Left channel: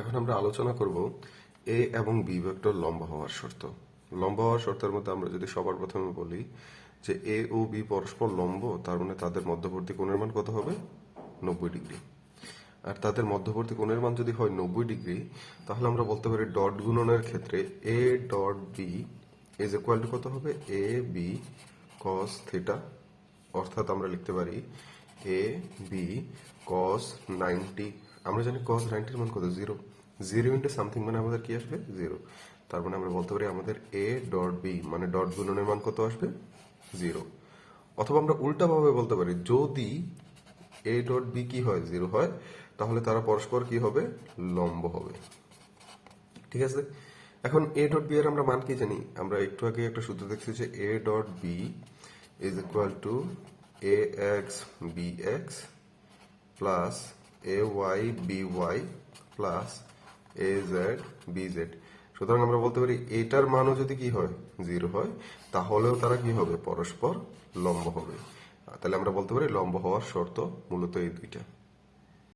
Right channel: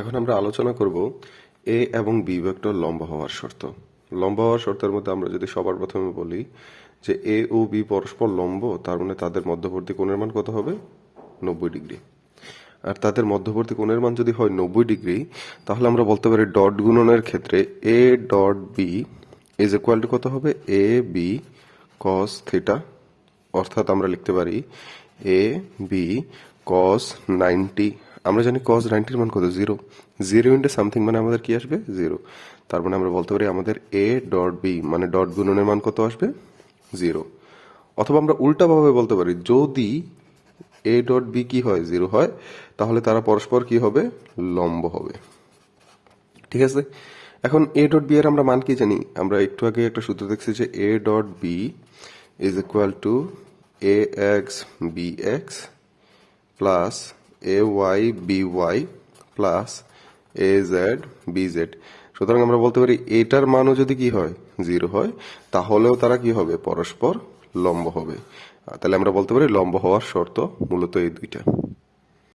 এখন আমরা আলোচনা করব এ এবং বি ভেক্টর লম্ব হওয়ার শর্ত। লম্ব হওয়ার শর্তের মধ্যে আমরা যদি সবার প্রথমে বলি যে এ ও বি পরস্পর লম্ব, তার মানে তাদের মধ্যবর্তী কোণের মান কত হবে? 90 ডিগ্রি। আর তাদের মধ্যবর্তী কোণের মান যদি হয় 90 ডিগ্রি, তাহলে আমরা বলতে পারি ডট গুণনের ক্ষেত্রে A dot B is equal to কত হবে? A B cos theta. অর্থাৎ আমরা লিখতে পারি এ বি কস 90। আমরা জানি কস 90-র মান কত? 0। 0 ইন্টু সামথিং মানে আমাদের কি আসবে? 0। তার মানে আমরা বলতে পারি আমাদের এ ডট বি মানে ডট গুণনের মান কত আসবে? 0। অথবা আমরা উল্টাভাবে বলতে পারি যদি এ ডট বি কি হয়? 0 হয়, তাহলে তারা পরস্পর কি হবে? লম্ব হবে। ঠিক আছে। এখন এ ডট বি এর আমরা মান কি জানি? আমরা একটু আগে একটা সূত্র দেখছি যে A dot B is equal to A X B X plus A Y B Y plus A Z B Z. সুতরাং আমরা বলতে পারি এটার মানও যদি কি হয়? 0 হয়, তাহলেও তারা কি হবে? পরস্পর লম্ব হবে। তাহলে আমরা বলতে পারি লম্ব হওয়ার শর্ত মূলত এই দুইটা।